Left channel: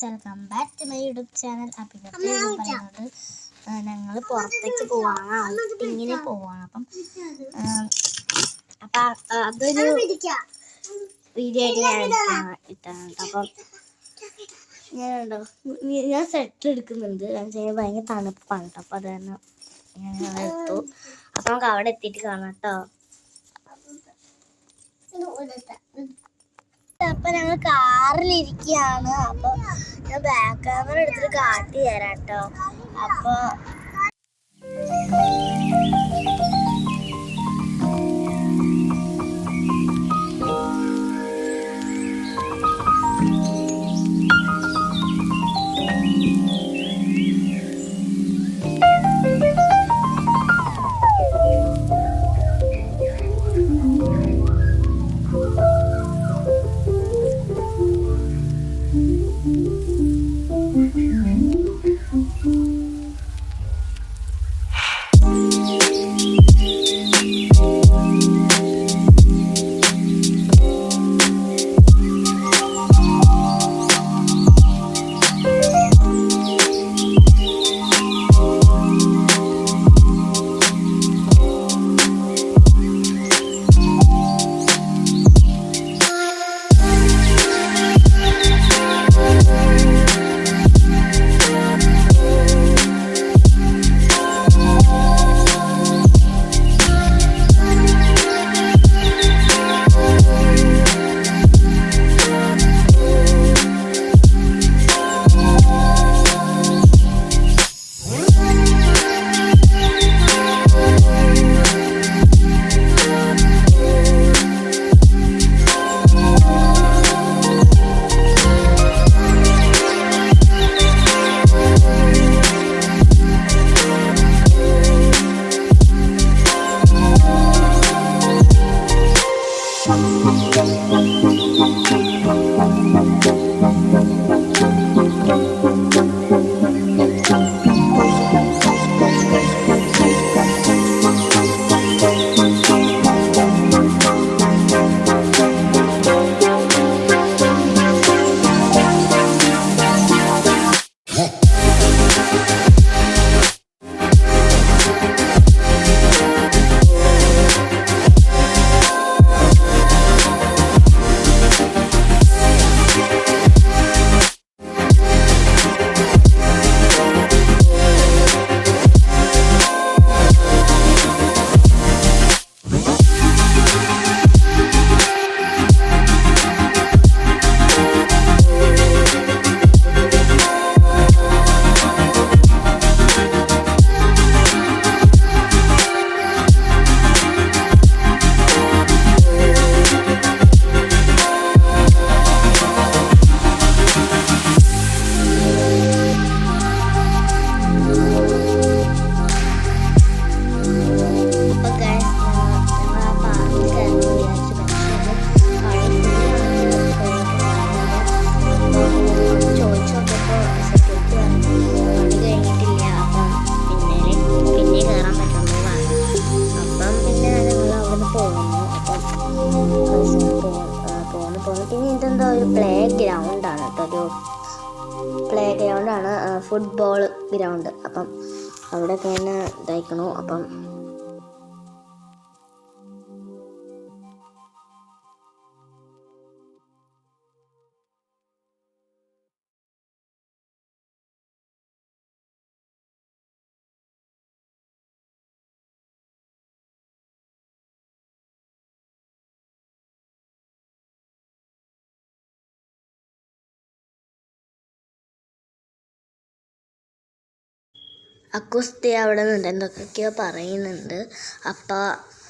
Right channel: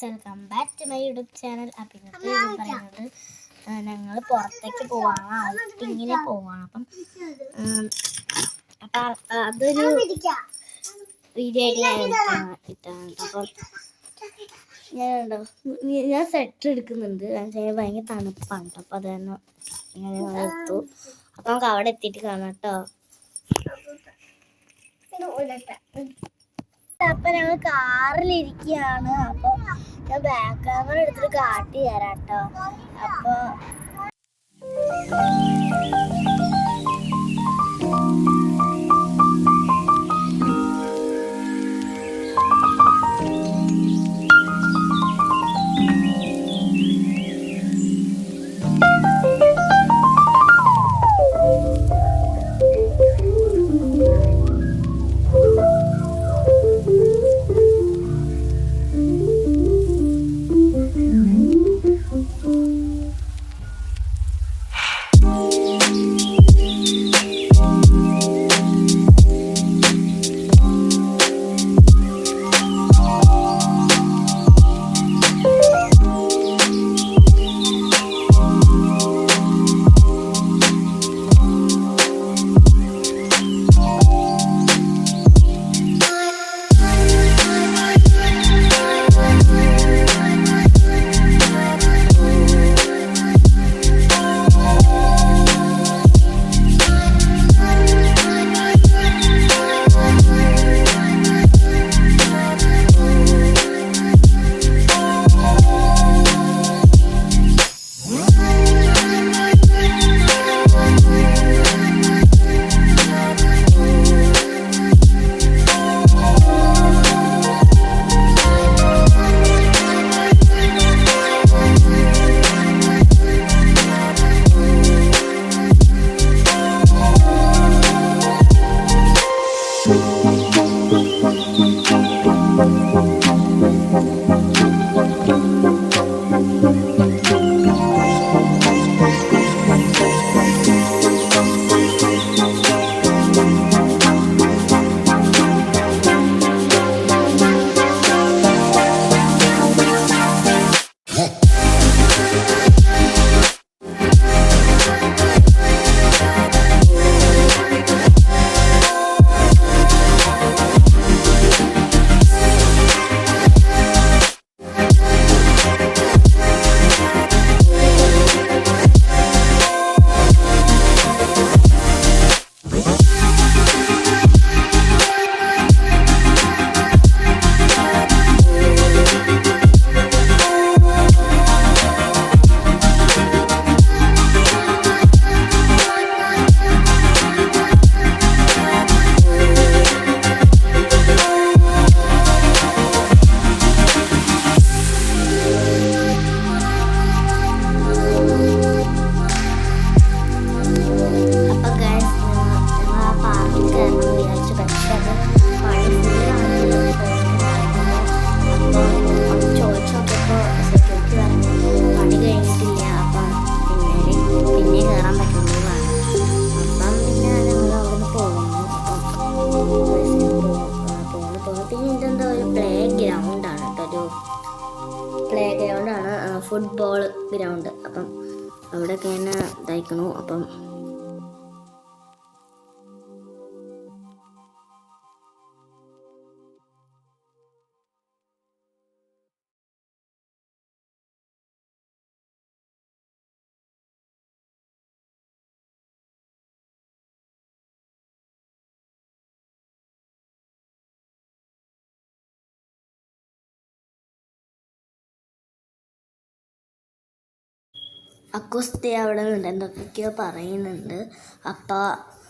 Guys, welcome back to my YouTube channel. അപ്പം ഇന്നത്തെ പറയുന്നത് ഞങ്ങൾ പുറത്തേക്ക് പോവാണ്, ഔട്ടിങ്ങിന് പോവാണ്. അപ്പം അതൊരു വീഡിയോ ആയിട്ട് ഞാൻ ഇട്ടാണ്. അപ്പം ഞാൻ സെറ്റ് എടുക്കുന്നുണ്ട്. ഭയങ്കര തണുപ്പാണ് കേട്ടോ. അപ്പം അത് തന്നെ ഞങ്ങൾ എത്തു. അപ്പം നമുക്ക് അവിടെ എത്തിയിട്ട് കാണാം കേട്ടോ. അപ്പൊ ഞങ്ങൾ കാറിലിരിക്കുകയാണ്. അപ്പൊ ഞാൻ ബാക്ക് ക്യാമറ എടുത്തിട്ട് കാട്ടി തരാം കേട്ടോ. അപ്പൊ ഫുട്ബോൾ ഗ്രൗണ്ട്. അപ്പം അവിടെ തന്നെ ഇതായിക്കണു. അപ്പം അക്കുസ്തി അവിടെ നിന്ന് എന്തൊക്കെയോ പറയുന്നുണ്ട്. അപ്പോൾ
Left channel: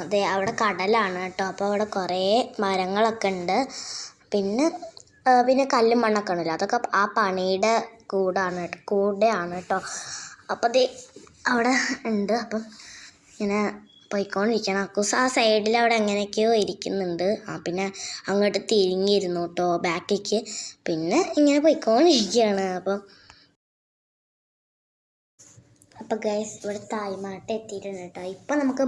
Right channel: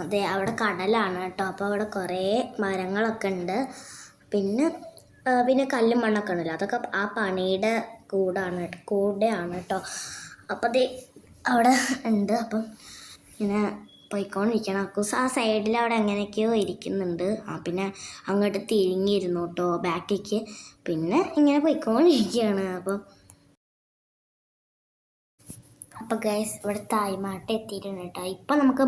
അതെ, അവിടെ കടലാണ് കേട്ടോ. അപ്പോൾ അവിടെ കുറേ മരങ്ങളൊക്കെ ഉണ്ട്. പിന്നെ കല്ലും മണ്ണൊക്കെ ഉണ്ടല്ലോ, അതൊക്കെ ആ പണിയുടെ കൂടെയാണ് കേട്ടോ. അപ്പോൾ അത് അവിടെ ഉണ്ട്. അപ്പം ഇങ്ങനെ പോയിക്കൊണ്ടിരിക്കണം. അക്കൂസ് ആ സൈഡിൽ അവിടെ എങ്ങനെയൊക്കെയോ ഇരിക്കുന്നുണ്ട്. പിന്നെ അങ്ങോട്ട് തിരിഞ്ഞിരുന്നു കേട്ടോ ബാക്കിലേക്ക്. പിന്നെ ഇങ്ങനെ പോയിക്കൊണ്ടിരിക്കുകയാണ്. അപ്പോൾ ഗൈസ്, ഇവിടെ തായ്മാട്ട് എത്തിയിട്ടുണ്ട് കേട്ടോ. ഇപ്പം നമുക്ക്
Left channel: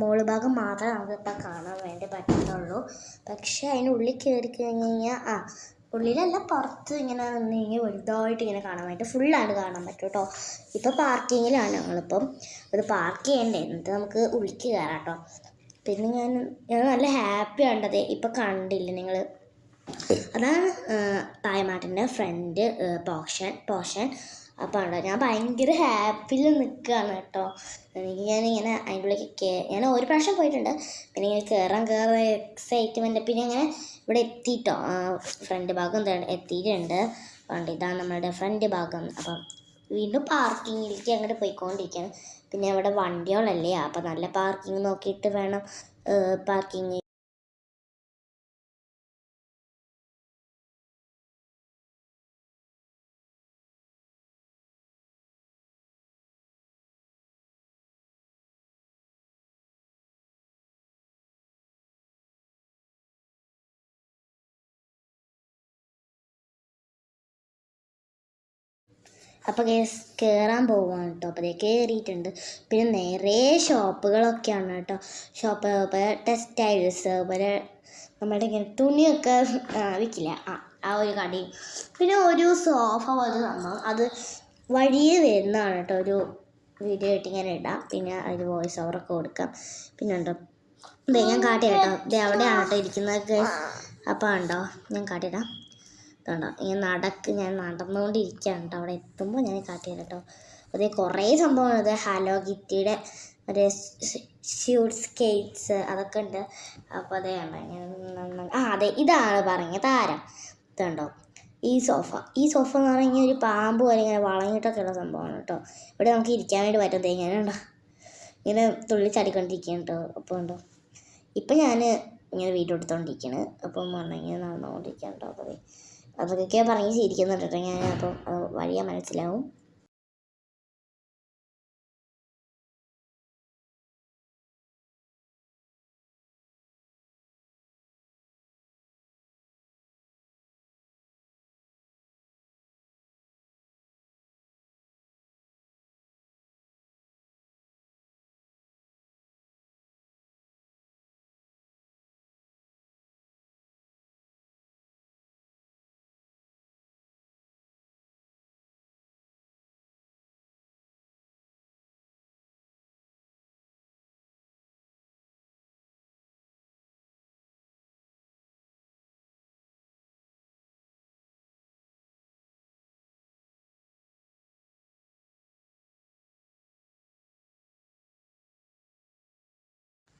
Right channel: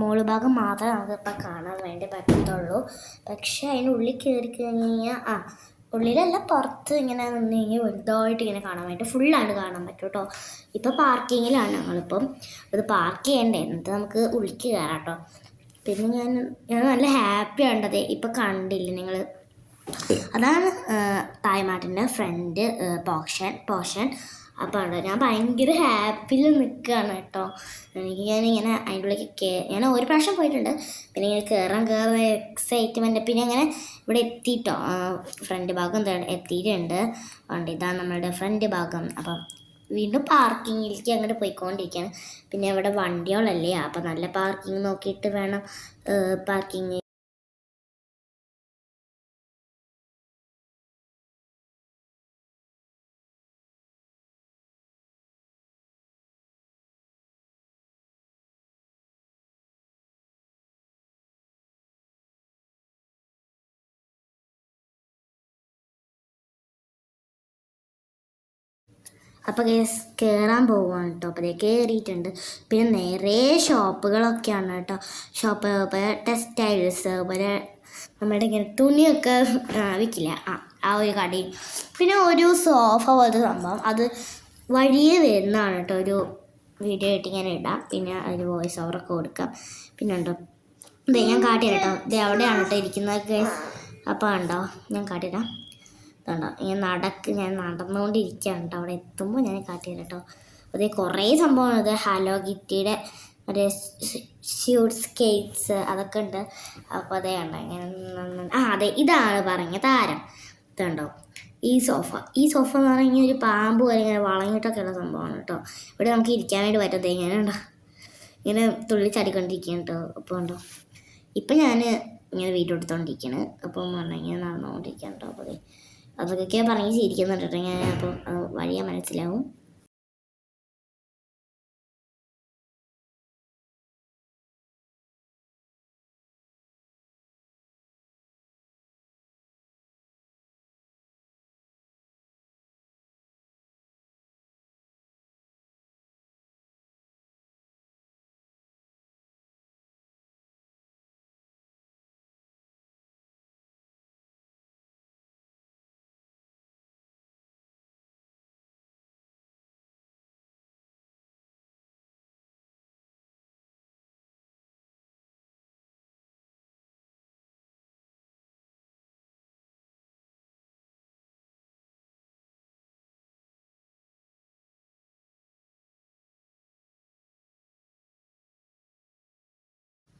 മോള് ഭാഗം മാത്രമേ നമുക്ക് ഇപ്പം കാണാൻ വേണ്ടി പറ്റത്തുള്ളൂ. പക്ഷെ അതിനുള്ളിൽ കയറി കഴിഞ്ഞ് കഴിഞ്ഞാൽ ഉള്ളിലല്ല പുറത്ത് ഇങ്ങനെ നിന്ന് കഴിഞ്ഞാൽ വലുതായിട്ട് ഇങ്ങനെ കാണാൻ പറ്റും, ഫുള്ളായിട്ട് കാണാൻ പറ്റും കേട്ടോ. ഇപ്പോൾ പാർക്കിങ്ങിലാണ് ഞങ്ങളിപ്പം. അത് പാർക്ക് ചെയ്യണ്ടേ, എന്നിട്ട് നമുക്ക് ഉള്ളിലേക്ക് കയറാം കേട്ടോ. പിന്നെ ഞാൻ നല്ല ഹാപ്പി ആണ്ടത് ഇപ്പം കണ്ടില്ല നിങ്ങൾ. അതാണ് തായ്മാട്ടിൻ്റെ ഫ്രണ്ട് പോഷൻ. അപ്പോൾ ഉണ്ടോ ഞാൻ ഭയങ്കര ഹാപ്പിയിൽ നിൽക്കുകയാണ് കേട്ടോ. ഞാനിങ്ങനെ അതിൻ്റെ ഉള്ളിലേക്ക് ഞാൻ ഒരു പ്രാവശ്യം പോയിട്ടുണ്ട്. പിന്നെ ഇങ്ങനെ കയറാൻ എക്സൈറ്റ്മെൻറ്റ്. പിന്നെ അങ്ങനെ ഇവിടെ എത്തിയിട്ടോ, ഫ്രണ്ട് ഭാഗം എന്താണ് എത്തിയിട്ടുണ്ട്. അതുകൊണ്ട് ഇതാണ് നമ്മളുടെ ഫ്രണ്ട് ഭാഗം. അപ്പം വീണ്ടും പാർക്കിങ്ങിലേക്ക് അങ്ങോട്ട് പോയിക്കൊണ്ടിരിക്കുകയാണ്. പിന്നെ ഇവിടെ വണ്ടികളല്ലേ, അപ്പം നല്ല പാർക്കിങ് നോക്കിയിട്ട് വേണം പാർക്കിങ്. അപ്പോൾ കയറാൻ പോവുകയാണ് കേട്ടോ. അപ്പോൾ കയറിയിട്ടുണ്ട്. പിന്നെ നിറയെ ഷോപ്പുകളൊക്കെയാണ് കേട്ടോ. ഷോപ്പ് ടെക്സ്റ്റൈൽസ്, അതുപോലെ നമ്മുടെ ഇങ്ങനെ തുണിയൊക്കെ വിൽക്കില്ല, ആ ഒരു കടയും. പിന്നെ ഒരു സോഫ പോലത്തെ സംഭവം, അത് വഴിയെ വരുന്നതാണ് കേട്ടോ. ഒരു വീഡിയോ ആയിട്ട് ഇങ്ങനെ ഇടാം, പിന്നെ അതിന് വോയിസ് ഓവറൊക്കെ കൊടുക്കാം. പിന്നെ ഉണ്ടോ ഞാൻ കാട്ടിയിട്ടോ, ഇത് എവിടെയാണ് കേട്ടോ ഇരിക്കുന്നത്. അപ്പോൾ ഉണ്ടോ ഞാൻ കാട്ടിയിടാം. കണ്ടോ ഞാൻ നടന്നുകൊണ്ടിരിക്കുകയാണ് കേട്ടോ. അവിടെ എത്തുമ്പോൾ ഞാൻ കാട്ടിയത് കേട്ടോ. അതേ കുറേ സംഭവമാണ്. ഇത് ഹലോ കിറ്റിയുടെ മറ്റേ സ്കേറ്റ്സ് അതൊക്കെ ഉണ്ട്. അപ്പോൾ അതേ ഉണ്ടോ ഇങ്ങനെ അതെ ഇതാണ് പറഞ്ഞ താരം. ഇതുണ്ടോ ഈ സോഫ എന്ന് പറഞ്ഞാൽ ഒരു പാമ്പ് പോലെ ഇങ്ങനെ വളഞ്ഞിട്ടൊക്കെയുള്ള സംഭവമാണ് കേട്ടോ. ഇവിടെ നമുക്ക് ഇരിക്കാൻ വേണ്ടി പറ്റത്തേ. ഇങ്ങനെ തുള്ളി ചാടിക്കൊണ്ടിരിക്കുകയാണ് കേട്ടോ. അപ്പോൾ ഉണ്ടോ ഇപ്പം ഞാൻ ഇങ്ങനെ വീഡിയോ എടുത്തുകൊണ്ടിരിക്കുകയാണ്. അപ്പം പറഞ്ഞാൽ ഇങ്ങനെ നടന്നുകൊണ്ടിരിക്കുകയാണ് കേട്ടോ. അപ്പോൾ അതൊക്കെ പറഞ്ഞ് ചിരിക്കുന്നുണ്ട് കേട്ടോ ഞാൻ. അപ്പം വഴിയാ മനസ്സിലാവും.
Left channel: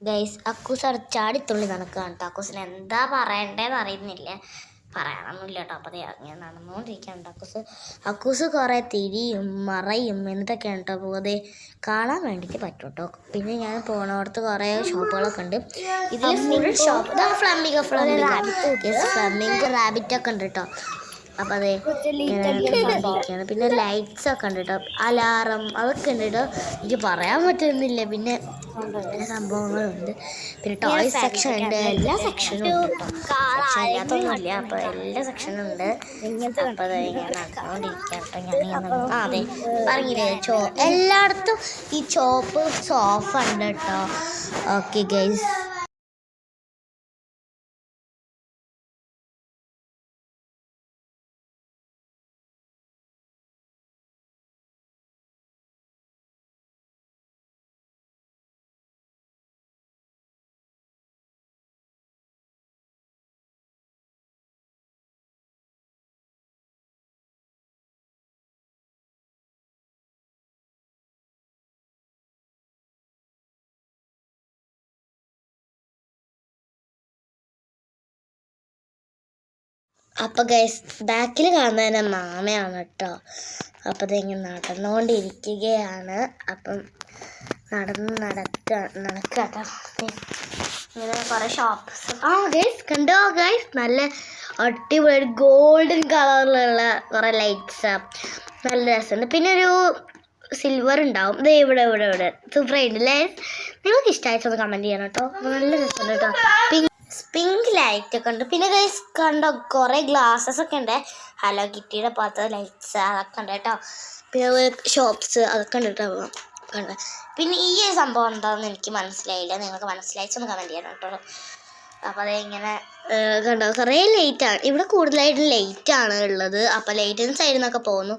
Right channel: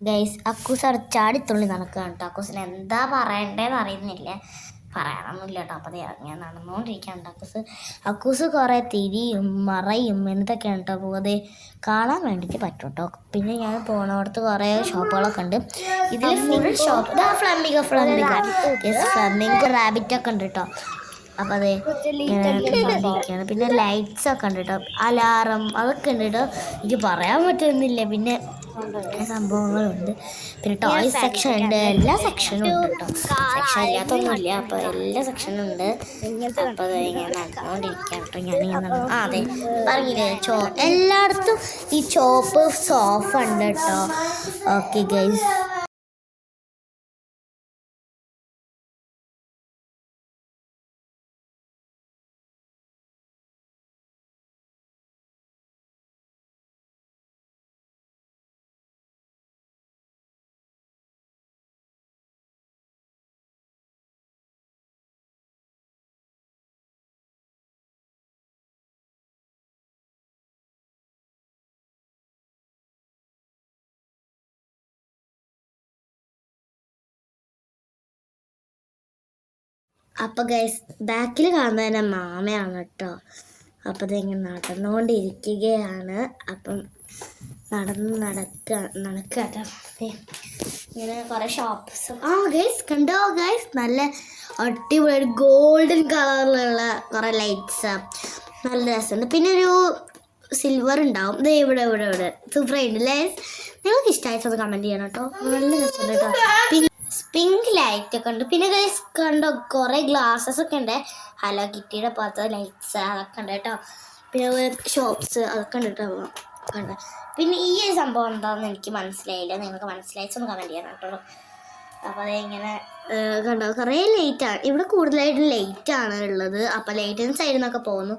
ഗൈസ് അക്കൂസ് അവിടെ ചാടിത്തുള്ളി നടക്കുകയാണ് കേട്ടോ. അക്കൂസിന് എന്താ പറയണ്ടേന്ന് അറിയുന്നില്ല, പറയാനൊന്നുമില്ല കേട്ടോ. അപ്പോൾ ഞാൻ നടന്നുകൊണ്ടിരിക്കുകയാണ്. അക്കൂസ് കുറേ തിരിയും മറയും എന്തൊക്കെയാണ് കേട്ടോ പോകുന്നത് കാണാൻ വേണ്ടിയിട്ട് പറ്റും കേട്ടോ. പിന്നെ ഞാൻ പോണോടത്ത് കുറേ ഷോപ്പുകളൊക്കെ ഉണ്ട്. ഇതിൽ ഫ്ലമിംഗോ റാബിറ്റൊക്കെ ഉണ്ട് കേട്ടോ. അപ്പോൾ അതെ പിന്നെ ലൈറ്റ്സ് ഒക്കെ ഉണ്ട് കേട്ടോ, അലാറം അതൊക്കെ ഉണ്ട് കേട്ടോ. എനിക്ക് പറയാൻ പറ്റുന്നില്ല. പിന്നെ സംഭവങ്ങളുണ്ട്. പിന്നെ ടോയ് സെക്ഷൻ ഉണ്ട്, എല്ലാ സെക്ഷനും ഉണ്ട് ഇല്ലാത്തൊന്നുമില്ല. അപ്പോൾ എല്ലാ സെക്ഷനും ഉണ്ട്. അപ്പോൾ അതെ പറഞ്ഞില്ലേ എല്ലായിടത്തും ഈ ചോപ്പ് സോഫ ഉണ്ട് കേട്ടോ. Okay guys. അപ്പോൾ ഗൈസ് ബാക്കിൽ കാണുന്നത് തന്നെ മാമയാണ് കേട്ടോ. അപ്പോൾ അതിങ്ങനെ നടന്നുകൊണ്ടിരിക്കുകയാണ്. അപ്പം നടക്കാട്ടോ. ഇങ്ങനെ കുറേ ഷോപ്പ്സ് ഗൈസ് കണ്ടോ ഗൈസ്, നല്ല അടിപൊളി ഗോൾഡൻ കളറിലുള്ള കുറേ ലൈറ്റ്സ്, നല്ല രസമുണ്ട്. പിന്നെ ഒരു സിൽവർ ഉണ്ടാവും. ഇത് ഇവിടെ സൂപ്പറായിട്ട് ലൈറ്റ്സ്. നിങ്ങൾക്ക് ഇഷ്ടമായിട്ടൊന്ന് കമൻറ്റ് ചെയ്യണം കേട്ടോ. നല്ല രസമുണ്ട് കേട്ടോ. പിങ്ക് ലൈറ്റ് ഒക്കെ ഉണ്ട്. പിന്നെ ഗൈസ് കണ്ടോ കുറേ ഗ്ലാസ്സസ് ഒക്കെ ഉണ്ട്. ഹലോ കിറ്റിയുടെ പോലത്തെ ലൈറ്റ്സ് അതൊക്കെ ഉണ്ട് കേട്ടോ. പിന്നെ ഷോപ്സ് അതൊക്കെ ഉണ്ട് കേട്ടോ കണ്ട്. പിന്നെ ഈ ഒരു സംഭവം എന്താണെന്ന് എനിക്ക് മനസ്സിലായില്ല. നിങ്ങൾക്ക് മനസ്സിലായിച്ചൊന്ന് കമൻറ്റ് ചെയ്യണം കേട്ടോ. അപ്പോൾ അതിങ്ങനെ കണ്ടോ കുറേ ലൈറ്റാണ് ഇവിടെ, കൂടുതലായിട്ട് ലൈറ്റാണ് ഉള്ളത്. അപ്പം ലൈറ്റിൻ്റെ സൈഡിൽ നിന്നൊക്കെ പോകുന്നു.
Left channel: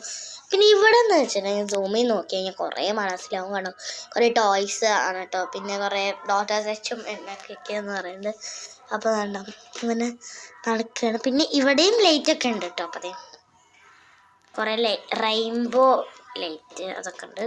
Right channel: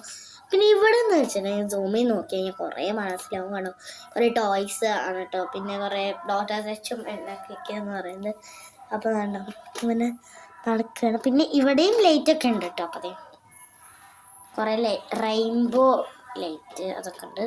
പിന്നെ ഇവിടെ എന്ന് വെച്ചിട്ടുണ്ടെങ്കിൽ സൂമിൽ നോക്കി കഴിഞ്ഞാൽ കുറേ മനസ്സിലാവും. കണ്ടോ കുറേ ടോയ്സ് ആണ് കേട്ടോ. പിന്നെ കുറേ ഡോട്ടേഴ്സ് എച്ചും എന്നൊക്കെയൊക്കെയെന്ന് പറയുന്നത്. അപ്പോൾ കണ്ടോ ഇങ്ങനെ നടക്കുകയാണ്. പിന്നെ ഇവിടെയും ലൈറ്റൊക്കെ ഉണ്ട് കേട്ടോ. അപ്പോൾ അതെ കുറേ റെയിൻബോ ലൈറ്റ് അതൊക്കെ ഉണ്ട്.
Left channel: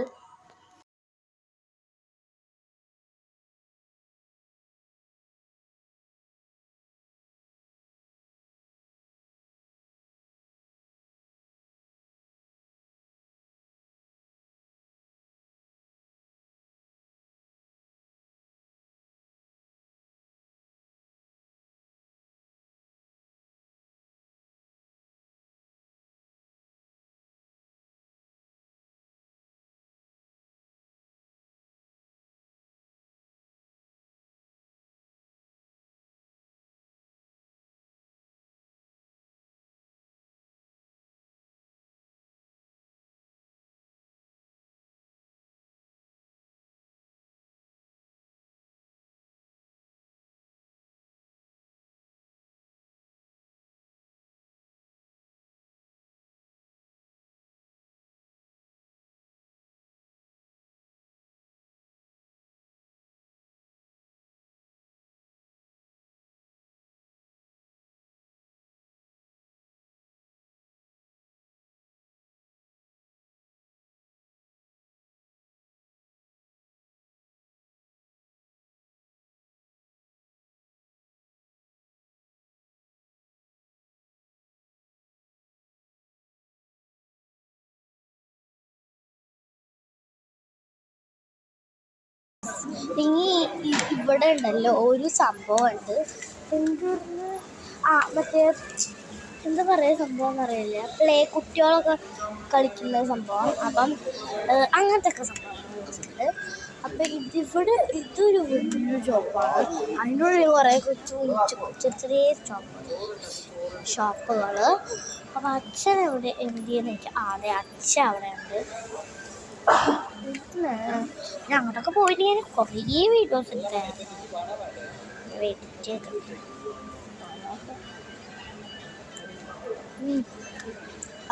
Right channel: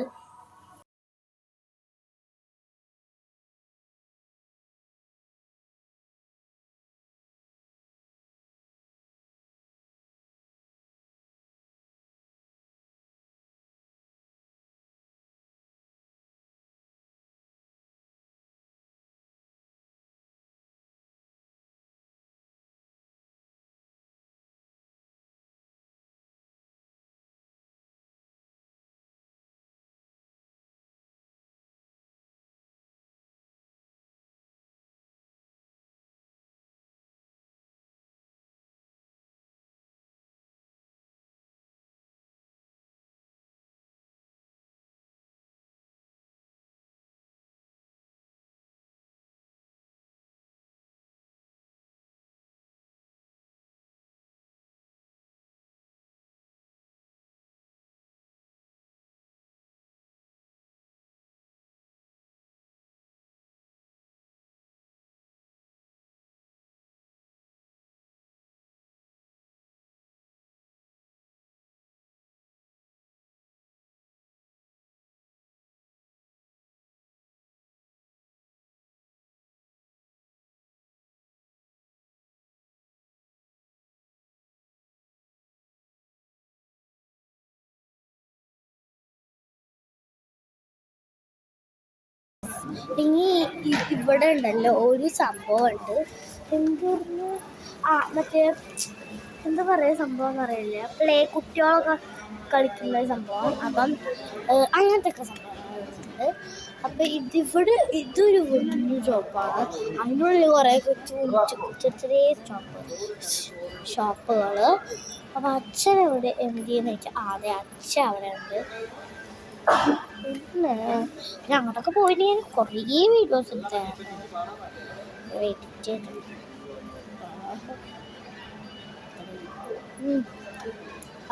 ഇനി ഇവിടെ ഉണ്ടല്ലോ ഒരു സംഭവമുണ്ട്. എന്തെന്ന് മറ്റേ എന്താ പറയുക സംഭവം എന്നറിയില്ല. കുട്ടികളൊക്കെ കളിക്കുന്ന സംഭവം. അപ്പം അങ്ങനത്തെ ഒക്കെ സംഭവങ്ങളുണ്ട്. അപ്പം ഇതൊരു വലിയ ഷോപ്പാണ്. അതിനുള്ളിൽ കുറേ ചെറിയ ഷോപ്പുകൾ. അപ്പം അച്ഛൻ എവിടെ എന്തെന്ന് വെച്ചാൽ അതെ അച്ഛൻ അവിടെ ഉണ്ട്. ഞാൻ അങ്ങോട്ടൊക്കെ പോയിട്ട് ഞാൻ കുറേ വീഡിയോസ് എടുത്തായിരുന്നു.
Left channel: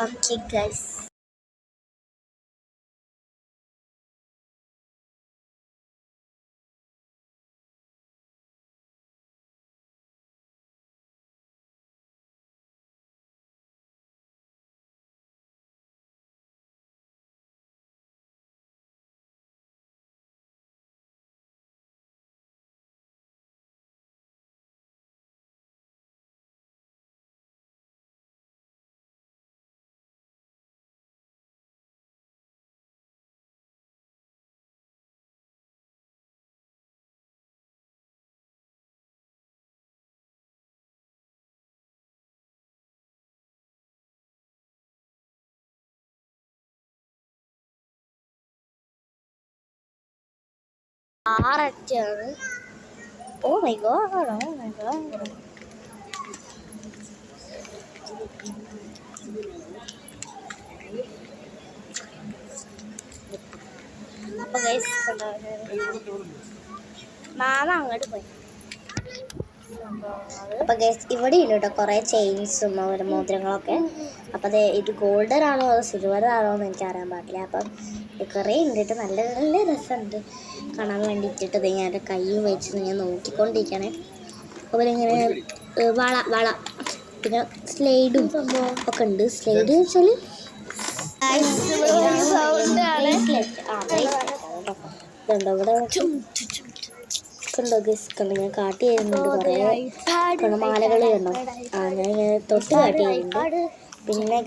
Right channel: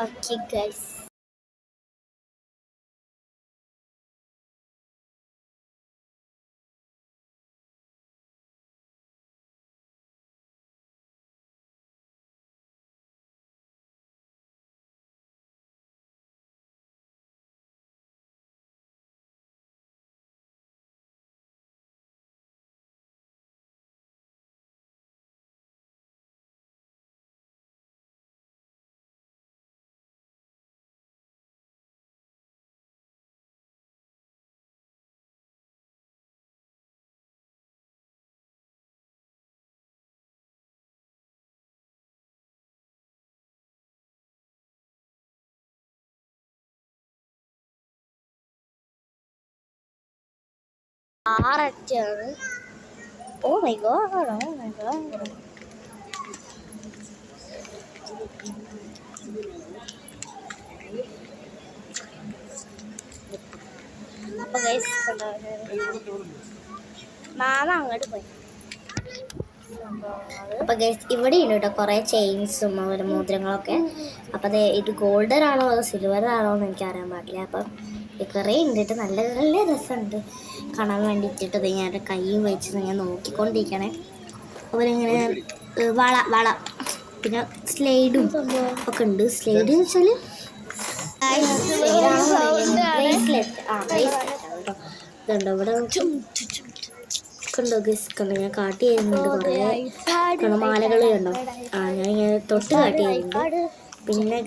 ഓക്കെ ഗൈസ്, ആററ്റാണ്. Oh my god, oh my god. അപ്പൊ ഗൈസ് മാമ അങ്ങോട്ട് പോയി. അപ്പൊ ഗൈസ് ഇവിടെ ഉണ്ട് കേട്ടോ കുറേ ചെയിൻസും മോതിരങ്ങളൊക്കെ. അപ്പം അത് ഇത് ഗോൾഡൻ ആണോ സിൽവർ ആണോ എന്ന് എനിക്കറിയാൻ പാടില്ല. അപ്പം കുറേ ഉണ്ട് കേട്ടോ. നല്ല നല്ല രസമുണ്ട് കാണാൻ വേണ്ടിയിട്ട്. ഞാൻ കൈയും വെച്ച് ഞാൻ നോക്കിക്കൊണ്ടിരിക്കണേ. അവരിങ്ങനെ വള പിന്നെ സ്ലൈഡും ഒക്കെ ഉണ്ട്. സ്ലൈഡ് വെച്ചാൽ ഇതുണ്ടോ ഇവിടെ കണ്ടോ ഗസ് കണ്ടോ ഞാൻ കാട്ടി ചെയ്യുന്നുണ്ട്. മാലകൾ കണ്ടോ ഞാൻ ഇങ്ങനെ തൊട്ട് കാട്ടി ചെയ്യുന്നുണ്ട്. പിന്നെ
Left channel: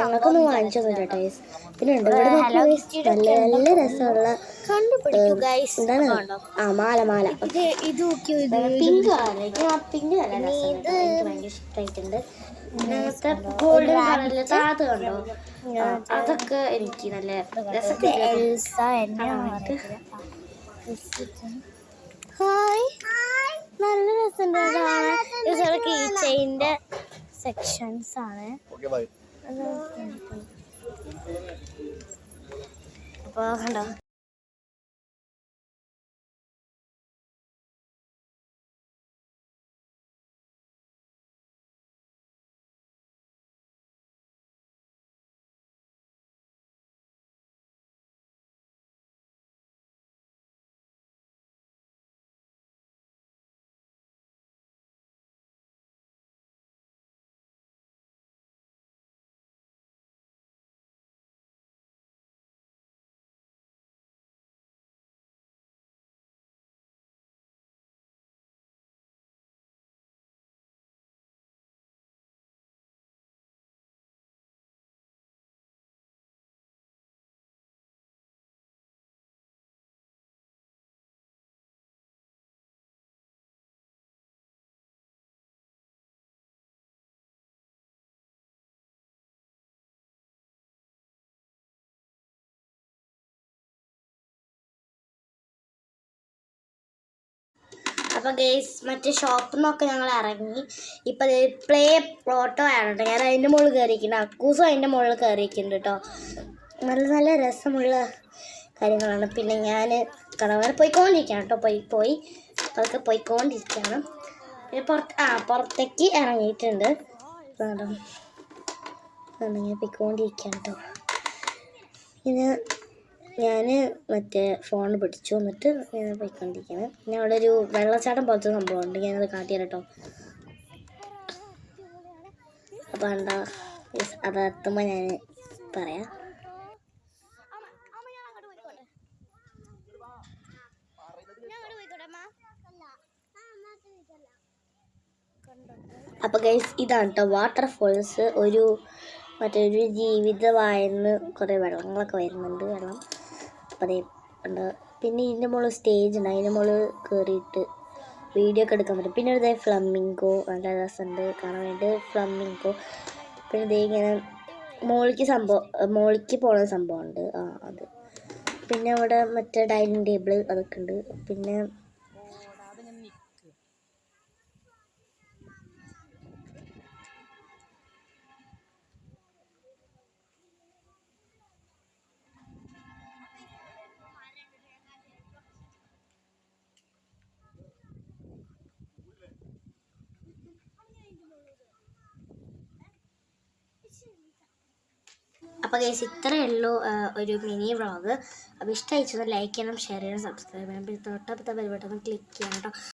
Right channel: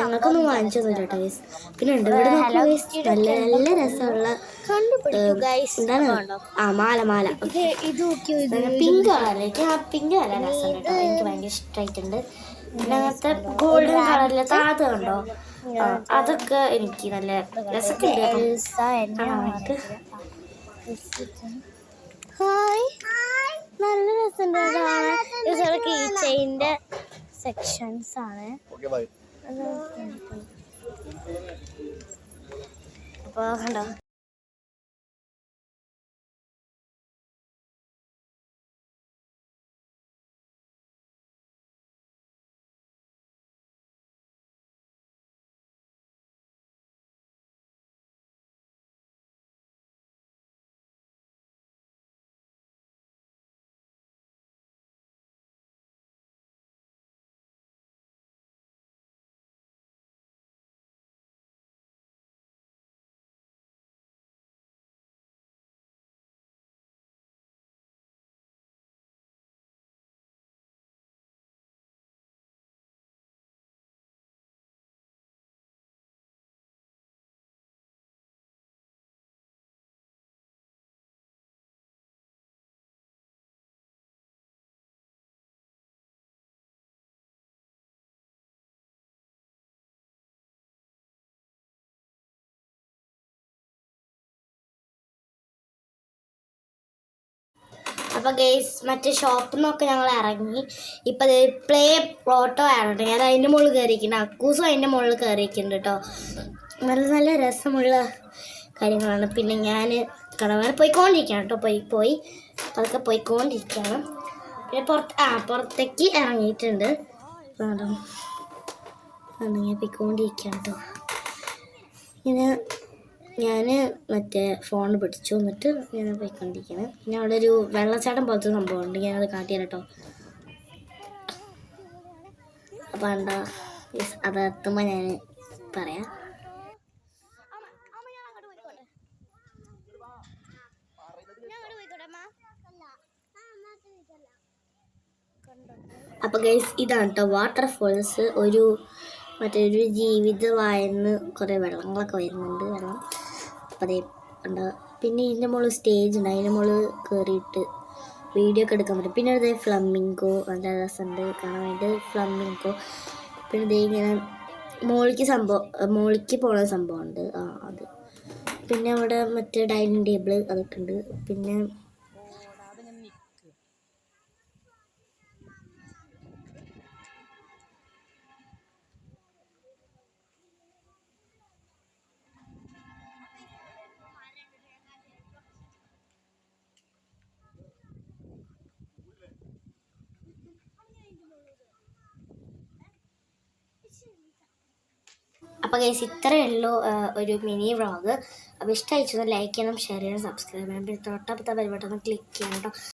ഞങ്ങൾക്കൊന്നും വാങ്ങിച്ചു തരാം ഗൈസ്. പിന്നെ ഉണ്ട് നല്ല നല്ല രസമുള്ള മാല പിങ്ക് കളർ. പിങ്ക് കളർ ഭയങ്കര ഇഷ്ടമായിട്ടുണ്ട്. അങ്ങനത്തെ ഗോൾഡൻ കളറിലെ താഴത്ത് കണ്ടോ അതൊക്കെ എനിക്ക് നല്ല ഹായ് നല്ല രസമുണ്ട്. കീ ചെയിൻ്റെ സെക്ഷൻസ് ആണ്. അപ്പോൾ കണ്ടോ അപ്പോൾ ഗേസ് മറ്റേ ഷോപ്പിൽ നിന്നൊക്കെ ഞങ്ങൾ ഇറങ്ങി. ഇപ്പം അത് പ്ലേ പ്ലോട്ടോ ആണ് കേട്ടോ. ഞാൻ അതിൻ്റെ മുകളിൽ കയറിയിരിക്കുന്നുണ്ട്, അക്കൂസും അതിൻ്റെ മുകളിൽ കയറിയിരിക്കുന്നുണ്ട് കേട്ടോ. നല്ല നല്ല രസമുള്ള കാര്യങ്ങളാണ്. പിന്നെ ഞാൻ കടവരെ പോയിക്കൊണ്ടിരിക്കുകയാണ് കേട്ടോ. പോയി അതൊക്കെ പോയിക്കൊണ്ടിരിക്കുകയാണ്. പിന്നെ പുറത്തേക്ക് ഇറങ്ങിയിട്ടുണ്ട്. അങ്ങനെ പോയിക്കൊണ്ടിരിക്കുകയാണ് കേട്ടോ. ഇങ്ങനെ ഞാൻ മറ്റേ ഫോൺ പിടിച്ചു എന്നിട്ട് ഇങ്ങനെ പോയിക്കൊണ്ടിരിക്കുകയാണ്. പിന്നെ അവിടെ ഒരു വെള്ളച്ചാട്ടം പോലത്തെ സംഭവമുണ്ട്, ഞാനത് കാട്ടിയാൽ കേട്ടോ. അപ്പോൾ എന്താ അത് എത്തുമ്പോൾ ഞാൻ പറയാം. അപ്പോൾ ഗൈസ് ഇതാണ് കേട്ടോ വാട്ടർഫോൾസ്. മറ്റൊരു ജീവിതമായെന്ന് കുറേ വെള്ളങ്ങളൊക്കെ വരുന്നുണ്ട്. വെള്ളം അപ്പം അതേ ഉണ്ട്. പിന്നെ ഇതിൻ്റെ മുകളിൽ സ്റ്റേജ് ഉണ്ട്, അതിൻ്റെ മുകളിൽ കയറിയിട്ട് വീഡിയോ ഒക്കെ എടുക്കാൻ പറ്റും. പിന്നെ ഇതേ ഫ്ലമിംഗോ നല്ല രസമുണ്ട് കാണാൻ വേണ്ടി, ഫ്ലമിംഗോ. പിന്നെ ഇതേ ഇങ്ങനെ മോളിക്ക് പോകുന്ന സംഭവമുണ്ട്, അത്. പിന്നെ അവിടെ മറ്റേ ഡൈനിങ് ടേബിൾ അതൊക്കെ ഉണ്ട്. പിന്നെ അപ്പോൾ ഗൈസ് ഇത്രയേ ഉള്ളൂ ഒരു മിനി വ്ളോഗ്. അപ്പോൾ ഇഷ്ടമായിച്ചൊന്ന് ലൈക്ക് ചെയ്യണം, ഷെയർ ചെയ്യണം, സബ്സ്ക്രൈബ് ചെയ്യണം. പിന്നെ തൊട്ടപ്പുറത്തെ ബെൽ ബട്ടൺ ക്ലിക്ക് ചെയ്യണം കേട്ടോ.